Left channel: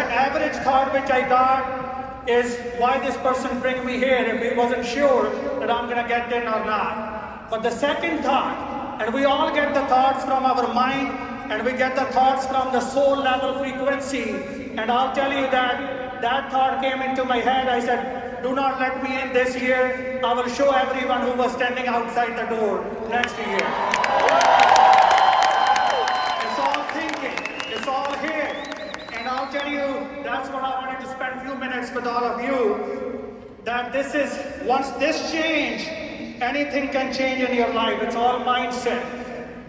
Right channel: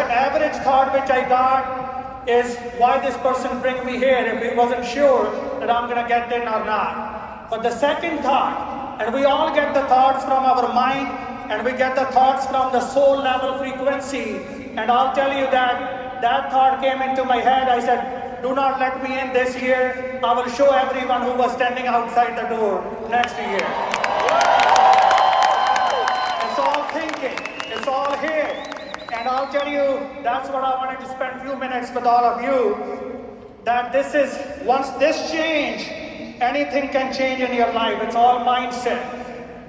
average thought which I got is, why this person bring me here if he wasn't sure that I'm going to get in or not. But the second thought, and we all get the thoughts from our mind, and we get the thoughts from the soul level frequency. And I'll tell you that thought came into my head. I said, do not let me in this year. I will show everyone who was standing outside the door next year. It's all thinking. It's all here. And I'll tell you, that's what I wanted to spend a few minutes with all of you. That this is, once this change, anything can change in your life. It's all mindset.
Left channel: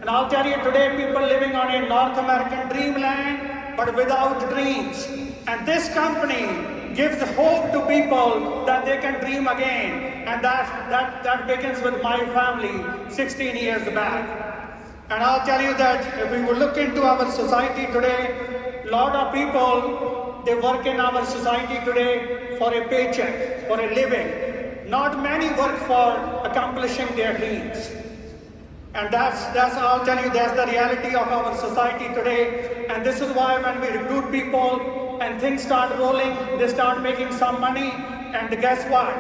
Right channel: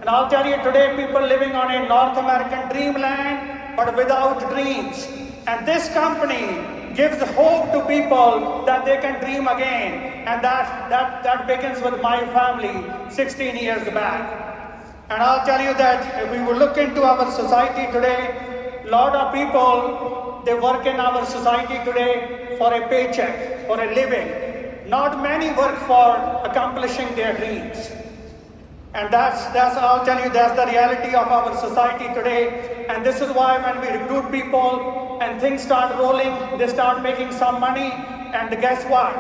And I'll tell you today, people living on a North American dreamland, but without dreams. And this company gives hope to people that they can dream again. And that begins with my family 16 years back. And I'll tell you that if we will look into our society today, a lot of people, they work in our society today for a paycheck, for a living. Not many work for accomplishing their dreams. And that's I'll tell you, that's the reality of our society today. And this is why when we recruit people and things start rolling, they start making some money, and guess what?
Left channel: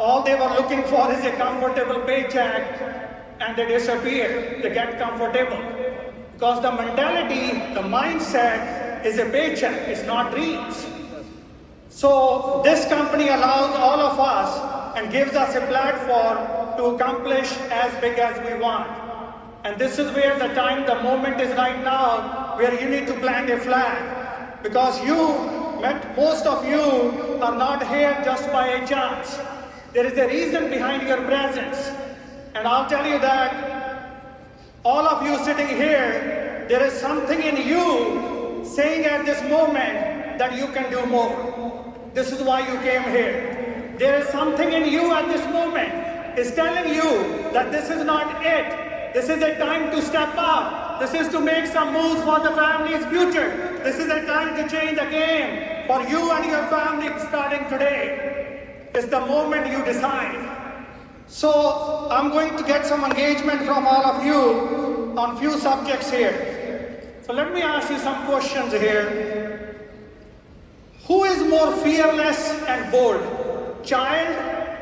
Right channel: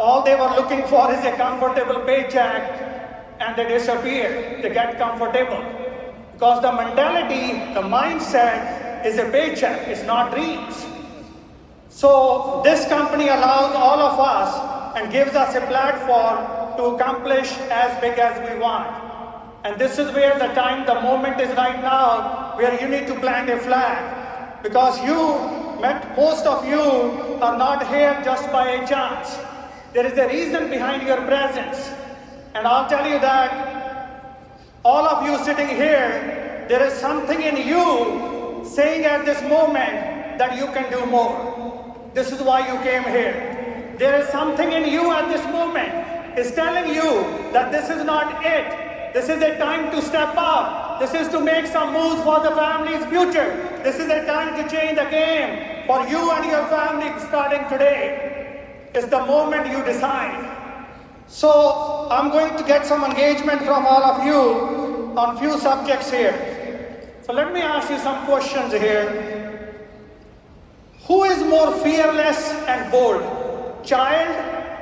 All they were looking for is a comfortable paycheck, and they disappear. They get comfortable. Because the mentality, the mindset is a paycheck, it's not dreams. So this company allows all of us and gives us a platform to accomplish as big as we want. And this is where the moment is right now, where you need to plant a flag. Because most of you are not here just by a chance. There is a reason behind your presence. And I'll tell you that all of you sitting here, there is something in you saying at this moment that you can do more. This is why you came here. There is something in you at this moment is telling you that this is not it. This is a time to step up. This is to make some moves for the family's future. This is a time to change the game for you and your family starting today. It's the moment you decide. So I'm going to get some engagement from all of you on few subjects here. So let me ask you some questions here. Who is more fearless and bold, child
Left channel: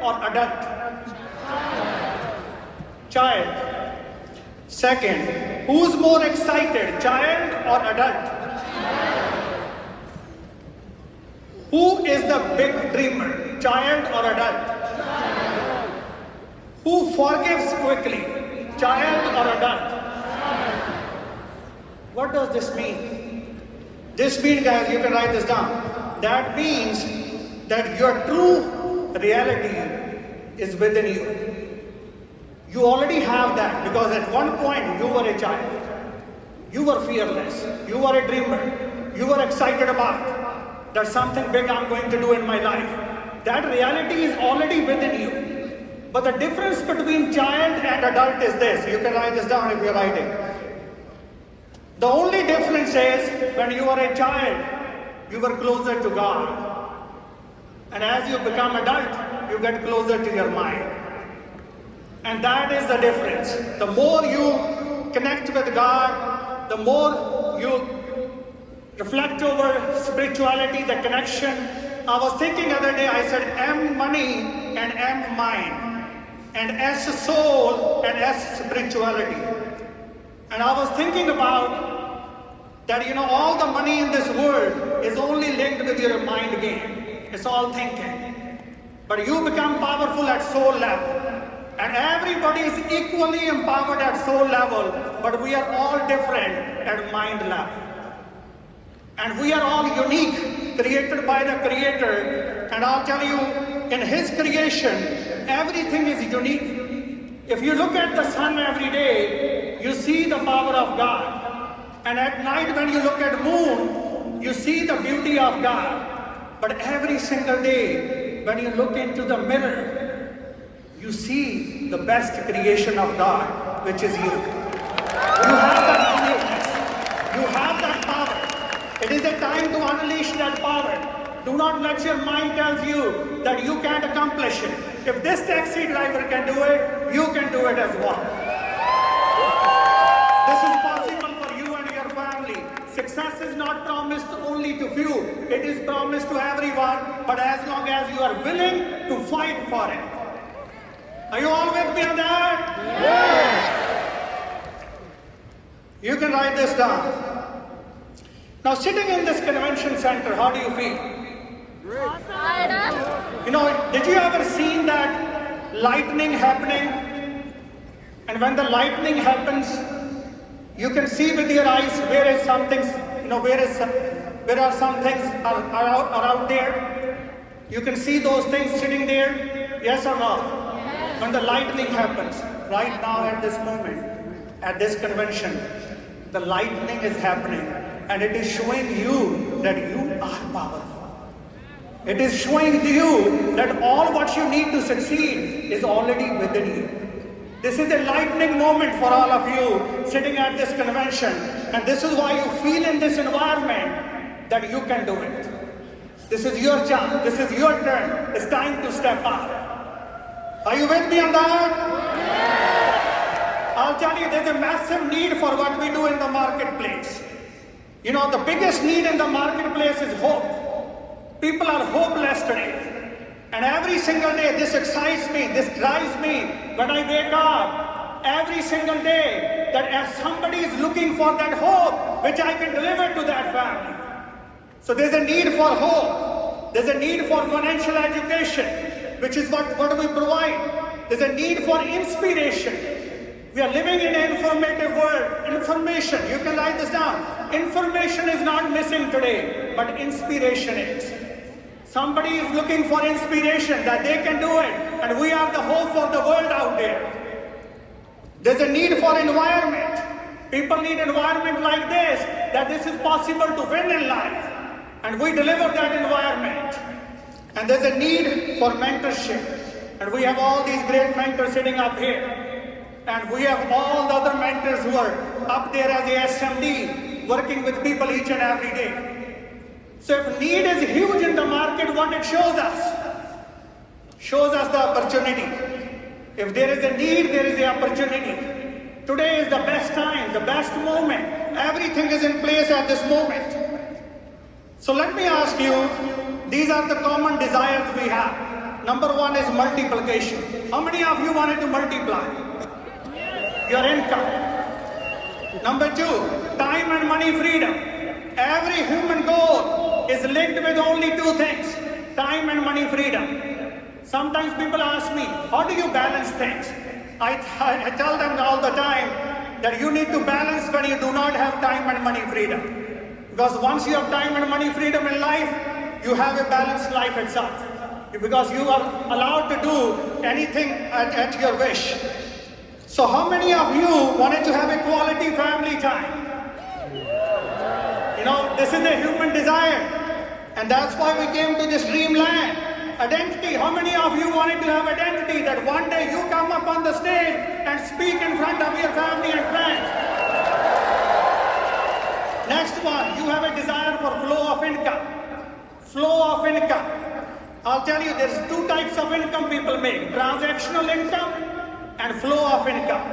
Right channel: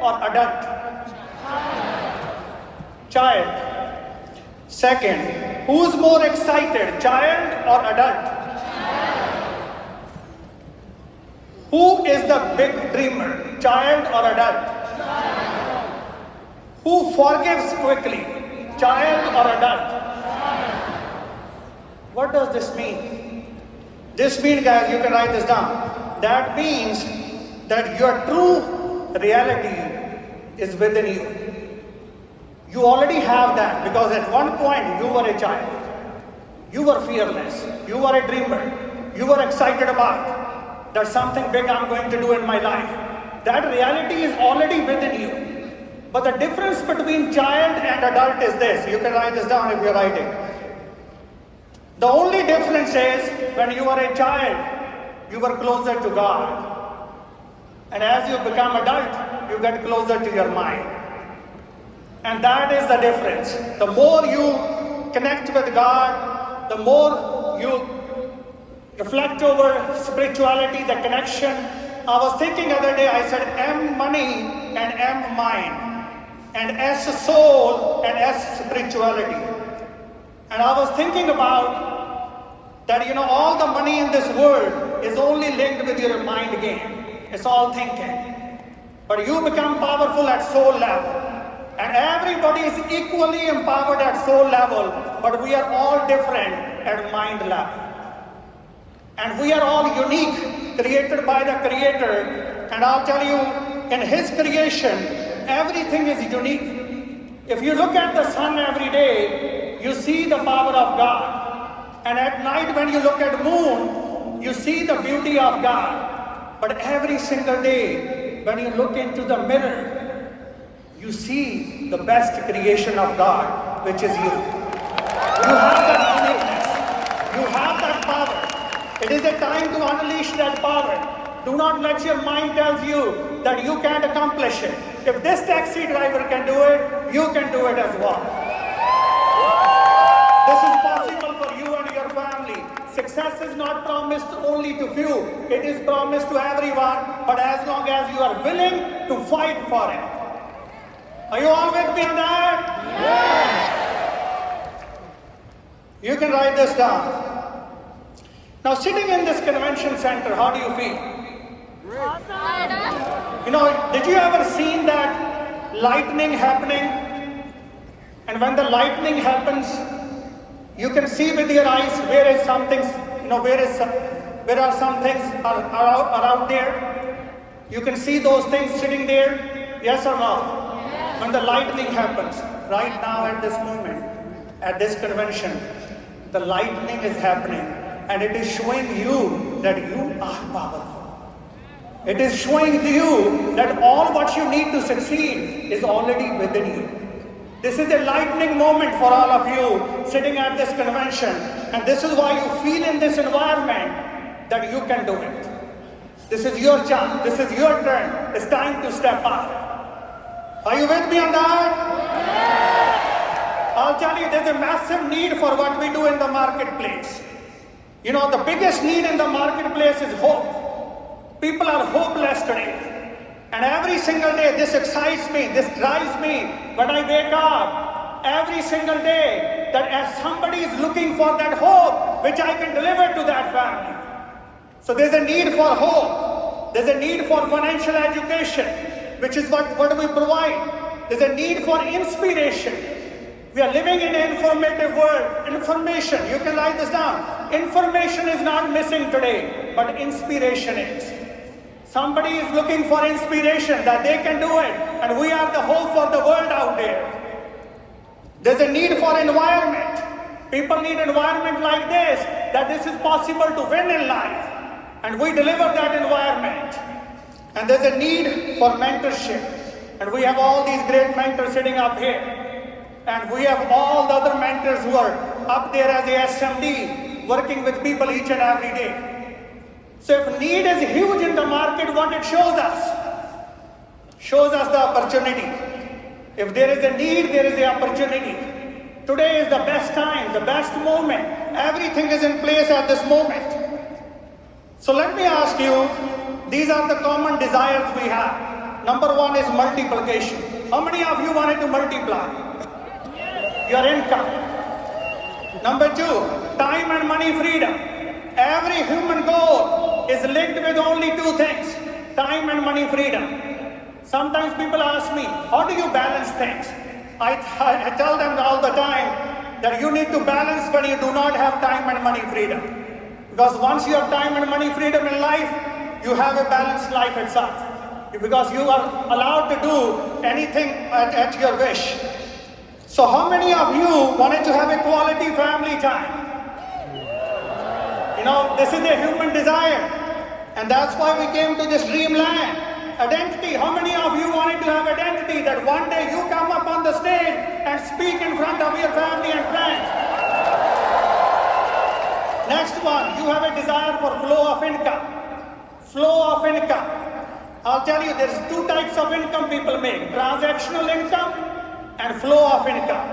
or adult? Child. Second, who's more excited, child or adult? Who is the big dreamer, child or adult? Who forgives quickly, child or adult? What does this mean? This means, guys, you can write this down. That means that your true reality is within you. You already have that, because at one point you were a child. You were fearless. You were a dreamer. You were excited about there's something big I'm going to do in my life. That reality is already within you. But the difference between child and adult is this. You can write this down if you're writing. The only difference is when you were a child, you were closer to God. And as you become adult, you get closer to your mind. And that is the difference. The more you connect with God, the more you reflect over spirituality, the connection. I was thinking the other day, I said M money and M mind, and S soul and S spirituality. And I was thinking about that, all the money in this world is only linked with your mind game. It's all thinking. But you become powerful at soul level. And everybody is equally empowered at soul level, but we are all different at mind level. And we are all unique, created by the Creator. And I'll tell you, in His creation, everything is unique. If you look at the sun every day, you see the power of God. And at night when you look at moon, you see the beauty of God. But every single day, when you look into the mirror, you see the best creation of God, which is you. You have that uniqueness. You have that power. It is a time to unleash that power. Do not let your mind tell you that you can't accomplish it. If this taxi driver can do it, you can do it as well. This is possible for you and your family. success is not promised only to few, it is promised to everyone, but as long as you are willing to fight for it. Are you all with me on that? Yes! You can write this down. Now, sitting in this convention center, how do you feel? Awesome. You know, did you ever seen that lightning happening? And when the lightning happens, you can see with your eyes where is something, where are some things are out there. You can see those things sitting there, yes or no? Yes. When the lightning happens, right now at this moment, at this convention, the lightning is happening and it is showing you that you are powerful. It is showing to you that all what you need to succeed is already within you. This is a lightning moment for all of you sitting at this convention, and this is why you feel in this environment that you can do it. This is your chance. This is your turn. It's time to step up. Are you with me on that? Yes. I'll tell you, there's a massive need for what we do in the marketplace. You know, the biggest need in the marketplace is hope. People are hopeless today. And every single day, this excites me, this drives me when I wake up. Every single day, that as somebody is looking for that hope, which I can deliver to that family. So there's a need for hope. There's a need for financial education, which is what we provide. There's a need for inspiration. We are living in an informative world. Information, you can write this down. Information is not missing today, but inspiration is. Somebody is looking for inspiration that they can do it, and we are the hope for the world out there. There's a need for environment. People need environment like this, that this is possible to win in life, and we deliver that environment. And there's a need for mentorship, and we have all these great mentors sitting up here, and we have all the other mentors who are up there as a SMD, working with people each and every day. So if need is huge in the market, what it shows us? Shows us the opportunity. If there is a need, there is the opportunity. Today is the best time, the best moment. Everything is in place at this moment. So let me ask you, these are the common desires we have. Number one is multiplication. How many of you wanted to multiply your income? Number two, time and money freedom. Every human goal is linked with only two things, time and money freedom. Sometimes people ask me, how do you balance things? I tell them all the time that you need to balance when you do not have time and money freedom. Because once you have time and money freedom in life, you have a balanced life itself. Because you are allowed to do anything at your wish. So how many of you wanted to have a quality family time? You know, this is a human desire, and that's why we came to this dreamland. Identity. How many of you wanted to have identity that one day you come up on the stage and speak in front of your family and friends? Next one, you have a desire for flow of income. Flow of income. I'll tell you, there's two types of income people make, transactional income and flow of income.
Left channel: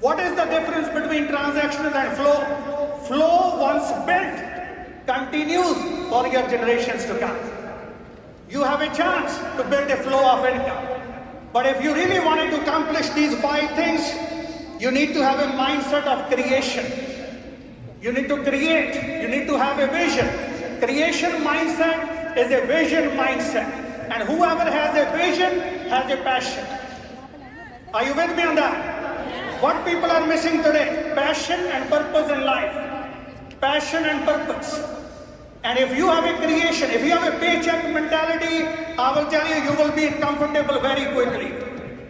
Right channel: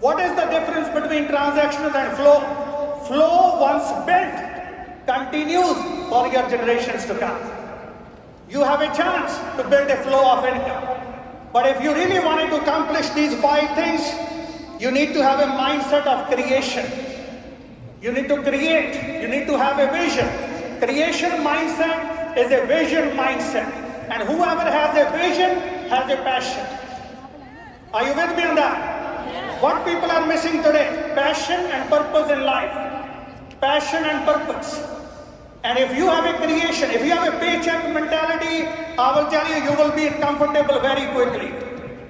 What is the difference between transactional and flow? Flow, once built, continues for your generations to come. You have a chance to build a flow of income. But if you really wanted to accomplish these 5 things, you need to have a mindset of creation. You need to create. You need to have a vision. Creation mindset is a vision mindset. And whoever has a vision has a passion. Are you with me on that? What people are missing today? Passion and purpose in life. Passion and purpose. And if you have a creation, if you have a paycheck mentality, I will tell you, you will be comfortable very quickly.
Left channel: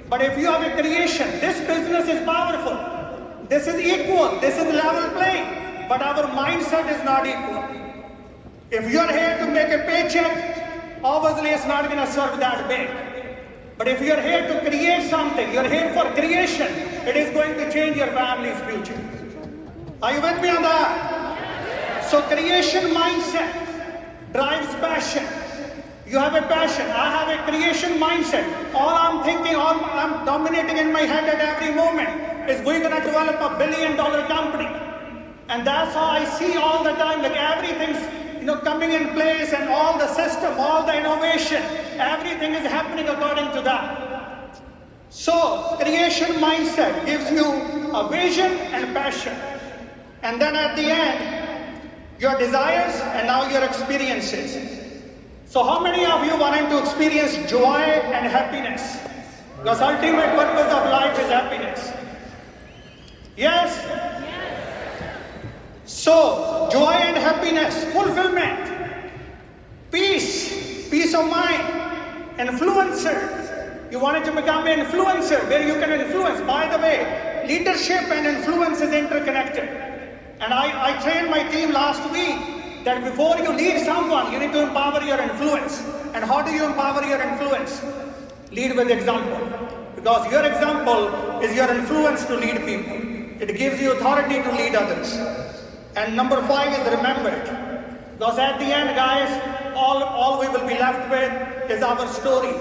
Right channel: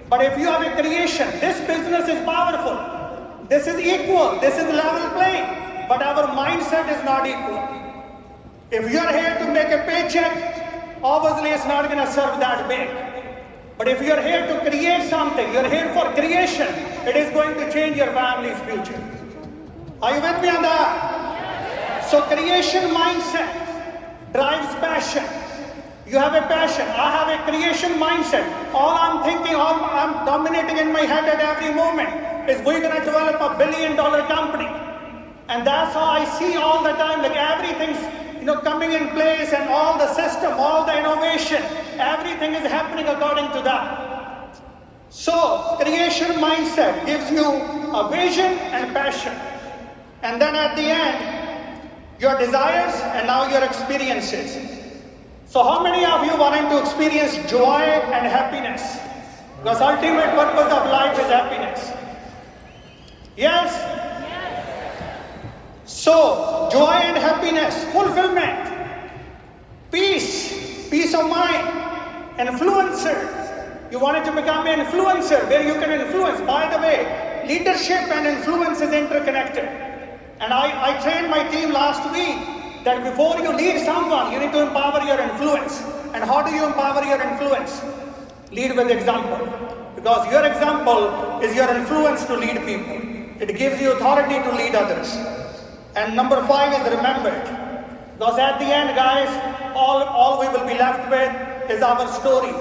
But if you have a creation, this business is powerful. This is equal. This is level playing. But our mindset is not equal. If you're here to make a paycheck, obviously it's not going to serve that big. But if you're here to create something, you're here for creation, it is going to change your family's future. Are you with me on that? So creation mindset drives passion. You have a passion. I have a creation mindset. All I'm thinking, all I'm dominating in my head at every moment is we're going to develop $1 billion company. And that's how I see all the time, like everything's coming in place, and all the system, all the innovation, everything is happening according to that. So creation mindset gives you a vision and passion. And then at the end, your desires and now your experiences. So how many of you wanting to experience joy and happiness? Because ultimate purpose of life is happiness. Yes? So, joy and happiness, fulfillment, peace of mind, influencer. You wanted to become an influencer where you can influence. By the way, leadership and influence is interconnected. And I trained my team last week that before you lead someone, you need to empower your influence. And how do you empower your influence? Lead with example. Because your example is your influence to lead people. It gives you authority to lead others. And number 5 is remembered. Because at the end, guys, all we will be left with is our story.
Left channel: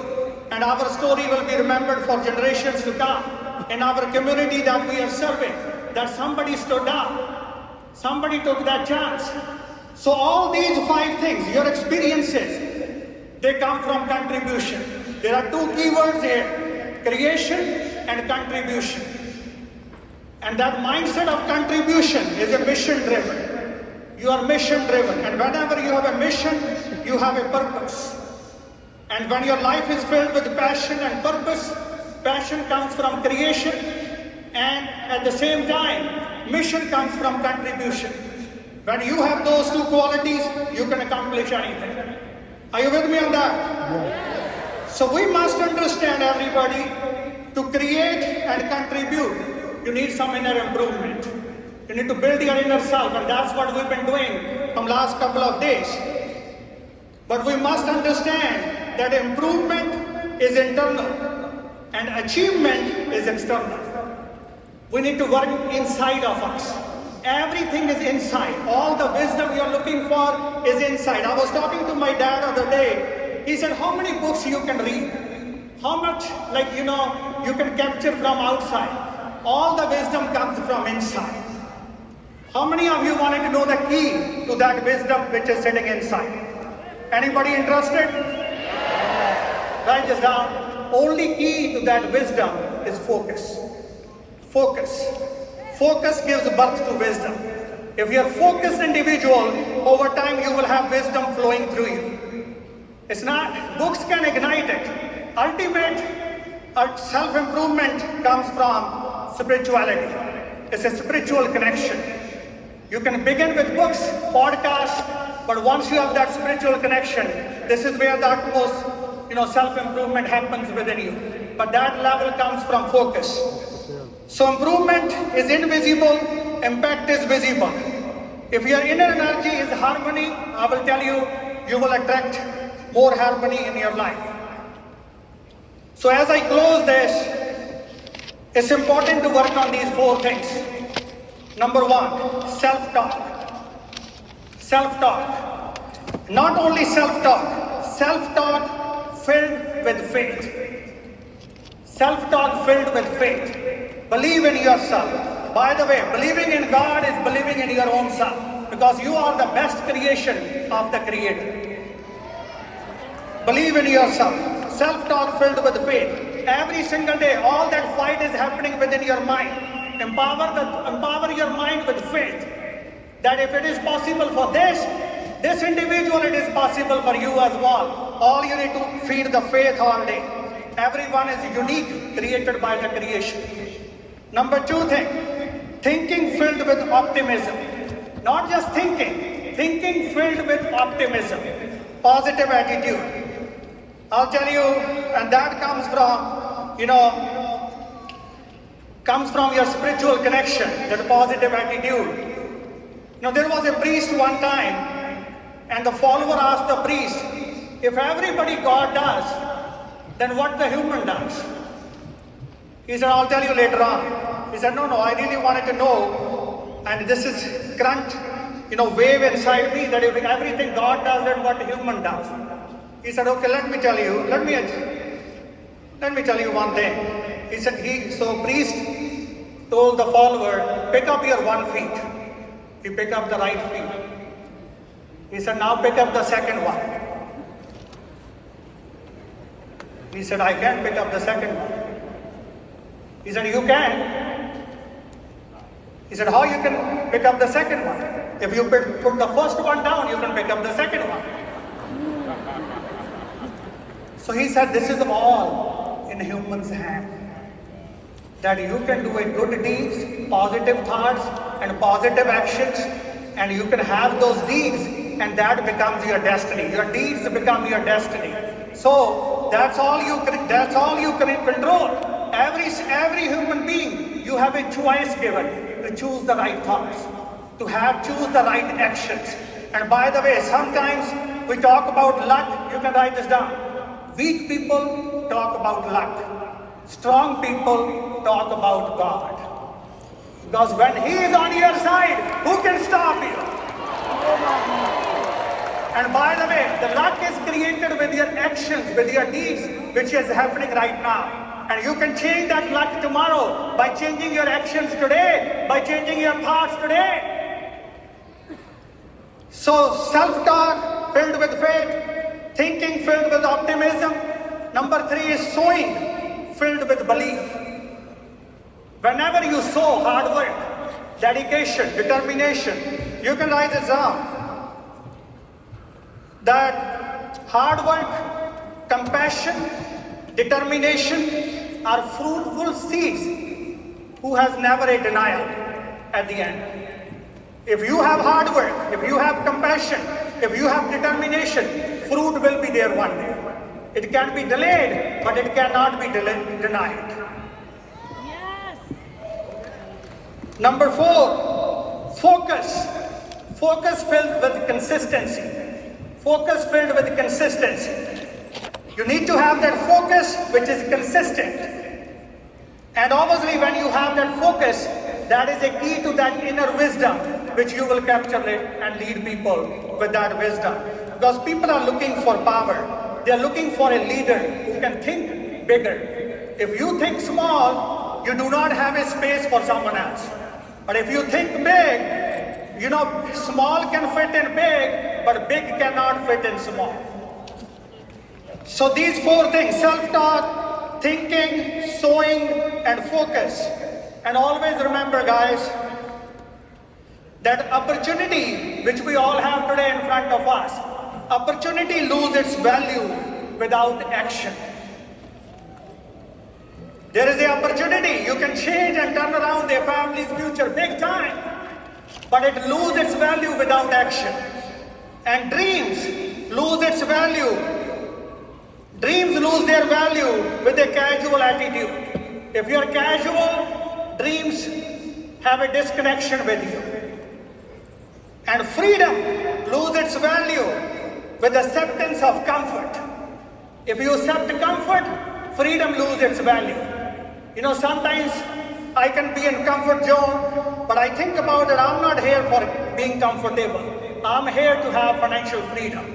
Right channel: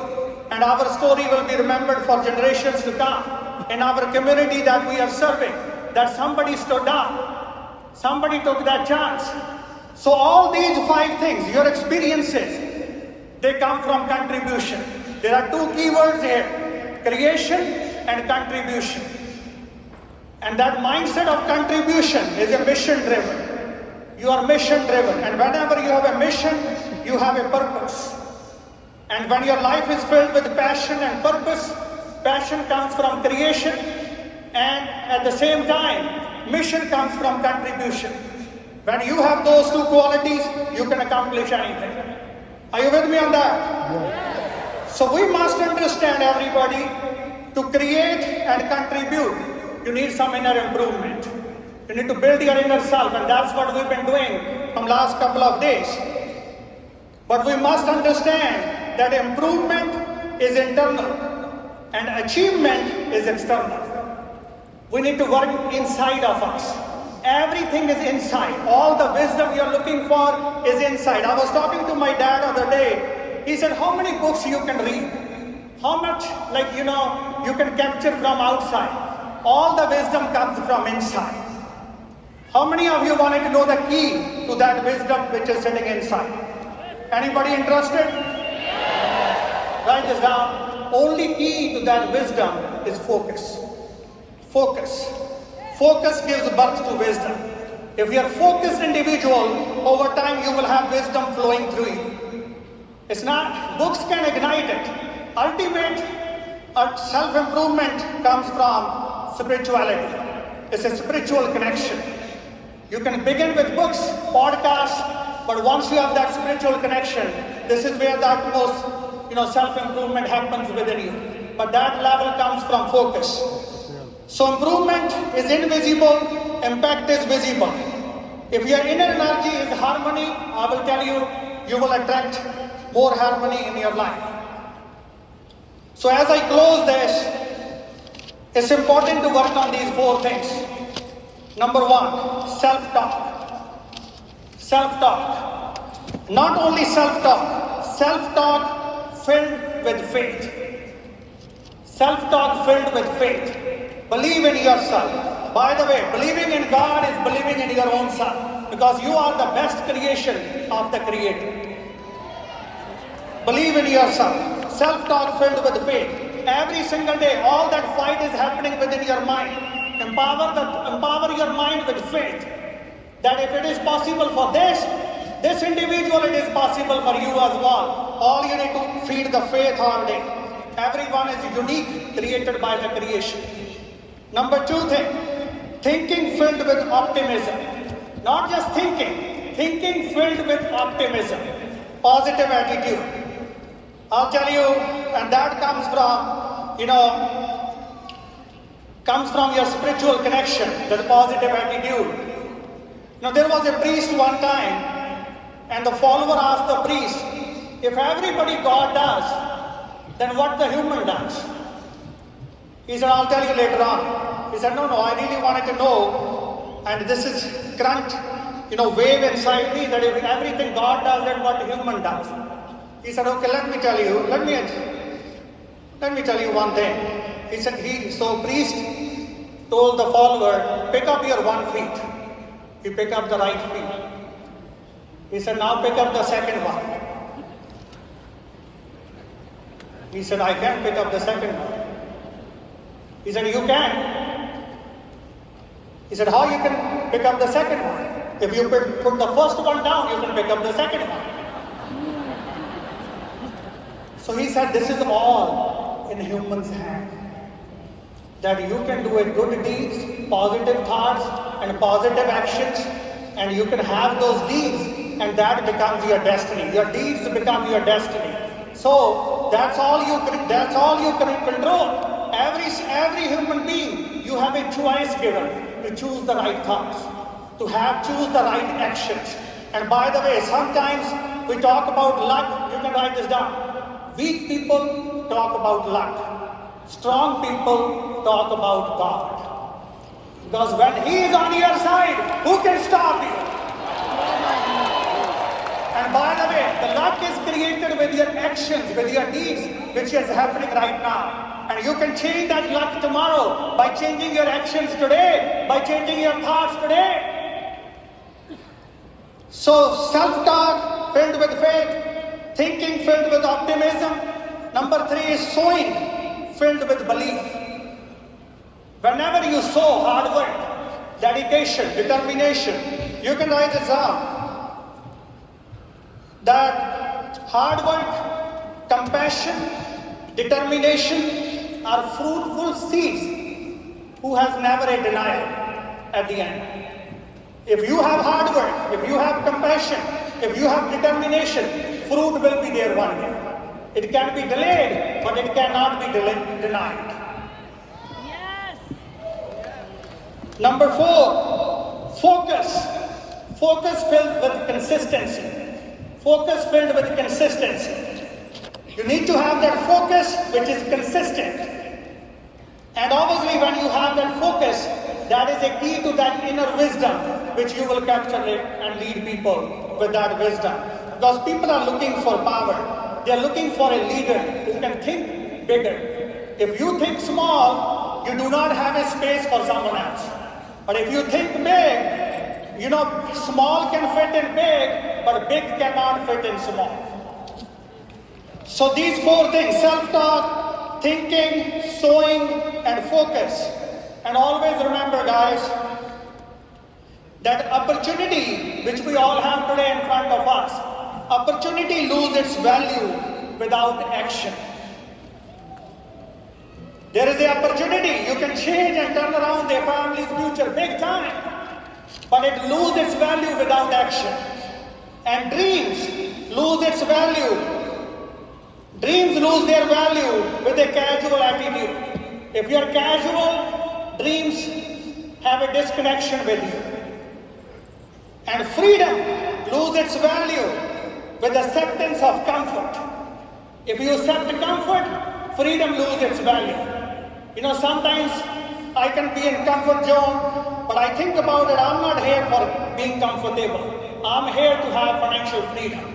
And our story will be remembered for generations to come. In our community that we are serving, that somebody stood up. Somebody took that chance. So all these 5 things, your experiences, they come from contribution. There are 2 keywords here, creation and contribution. And that mindset of contribution is a mission-driven. You are mission-driven. And whenever you have a mission, you have a purpose. And when your life is filled with passion and purpose, passion comes from creation. And at the same time, mission comes from contribution. When you have those 2 qualities, you can accomplish anything. Are you with me on that? Yes. So we must understand, everybody, to create and contribute, you need some inner improvement. You need to build your inner self, and that's what we've been doing from last couple of days. But we must understand that improvement is internal and achievement is external. We need to work inside of us. Everything is inside. All the wisdom you're looking for is inside. I was talking to my dad the other day. He said, how many books you can read? How much, you can capture from outside? All the wisdom comes from inside. How many of you wanted to know the key to that wisdom which is sitting inside? Anybody interested? Write this down. Only key to that wisdom is focus. Focus. Focus gives birth to wisdom. If you are a focused individual, over time you will have wisdom flowing through you. It's not, books can ignite it. Ultimate self-improvement comes from spirituality. It's a spiritual connection. You can begin with books, podcasts, but once you have that spiritual connection, this is where the utmost, self-improvement happens within you. But that level comes from focus. So improvement is invisible, impact is visible. If your inner energy is harmony, I will tell you, you will attract more harmony in your life. So as I close this, it's important to work on these 4 things. Number 1, self-talk. Self-talk. Not only self-talk, self-talk filled with faith. Self-talk filled with faith. Believe in yourself. By the way, believing in God is believing in your own self, because you are the best creation of the Creator. Believe in yourself. Self-talk filled with faith. Every single day, all that fight is happening within your mind. Empower your mind with faith. That if it is possible for this individual, it is possible for you as well. All you need to feed the faith all day. Everyone is unique, created by the creation. Number 2 thing, thinking filled with optimism. Not just thinking filled with optimism. Positive attitude. I'll tell you, and that comes from your spiritual connection, that positive attitude. There was a priest one time, and the follower asked the priest, if everybody God does, then what the human does? He said, I'll tell you later on. He said, no, I really wanted to know, and this is current, wave inside me, that if everything God does, then what the human does. He said, okay, let me tell you one thing. He said, so priest told the follower, pick up your 1 feet. He picked up the right feet. He said, now pick up the second one. He said, I can't pick up the second one. He said, you can. He said, how you can pick up the second one? If you put the first one down, you can pick up the second one. So he said, this is all in human's hand. That you can do a good deeds, positive thoughts, and positive actions, and you can have those deeds, and that becomes your destiny. Your deeds become your destiny. So that's all you can control. Every human being, you have a choice given to choose the right thoughts, to choose the right actions. And by the way, sometimes we talk about luck. You can write this down. Weak people talk about luck. Strong people talk about God. Because when He is on your side, who can stop you? And by the way, the luck is created with your actions, with your deeds, which is happening right now. And you can change that luck tomorrow by changing your actions today, by changing your thoughts today. So self-talk filled with faith, thinking filled with optimism. Number 3 is sowing filled with belief. Whenever you sow hard work, dedication, determination, you can write this down. That hard work, compassion, determination are fruitful seeds who has never a denial at the end. If you have hard work, if you have compassion, if you have determination, fruit will be there one day. It can be delayed, but it cannot be denied. Yes. Number 4, focus. Focus filled with consistency. Focus filled with consistency. You need to have that focus which is consistent. And obviously when you have that focus, that is a key to that inner wisdom which you will capture and lead people with that wisdom. Because people are looking for power. They are looking for a leader who can think bigger. If you think small, you do not have a space for someone else. But if you think big, small can fit in big, but big cannot fit in small. So these 4 things, self-talk, thinking, sowing, and focus. And always remember, guys, that opportunity which we all have today in front of us, opportunity loses its value without action. There is the opportunity, you can change and turn around their family's future big time, but it loses its value without action. And dreams lose its value. Dreams lose their value with a casual attitude. If you are casual, dreams have a disconnection with you. And freedom loses its value with acceptance of comfort. If you accept comfort, freedom loses its value. Sometimes I can be in comfort zone, but I think about it, I'm not here for being comfortable. I'm here to have financial freedom.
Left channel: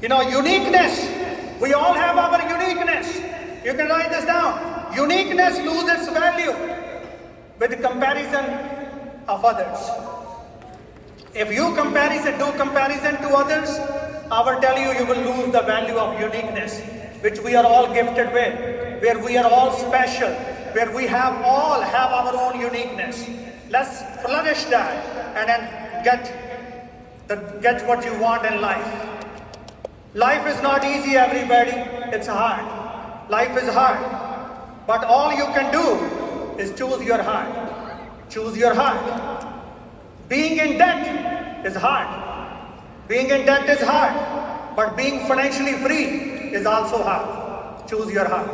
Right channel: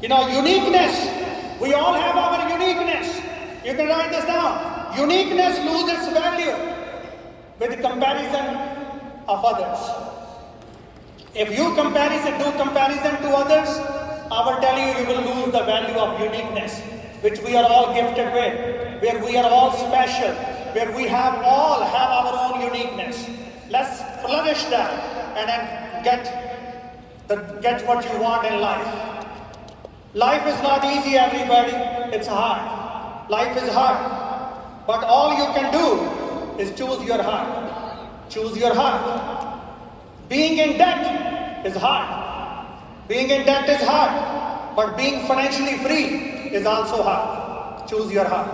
Uniqueness. We all have our uniqueness. You can write this down. Uniqueness loses value with comparison of others. If you do comparison to others, I will tell you, you will lose the value of uniqueness, which we are all gifted with, where we are all special, where we all have our own uniqueness. Let's flourish that and then get what you want in life. Life is not easy, everybody. It's hard. Life is hard. But all you can do is choose your heart. Choose your heart. Being in debt is hard. Being in debt is hard. But being financially free is also hard. Choose your heart.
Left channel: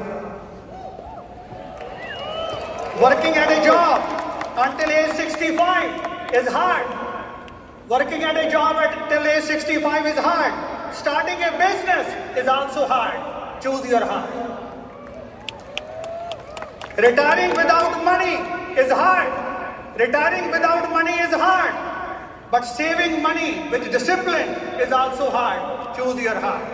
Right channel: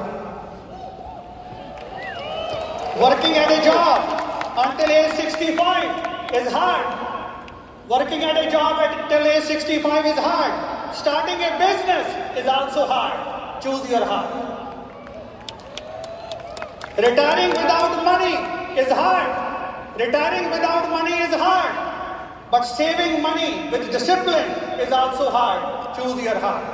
Working at a job until age 65 is hard. Working at a job until age 65 is hard. Starting a business is also hard. Choose your heart. Retiring without money is hard. Retiring without money is hard. But saving money with discipline is also hard. Choose your heart.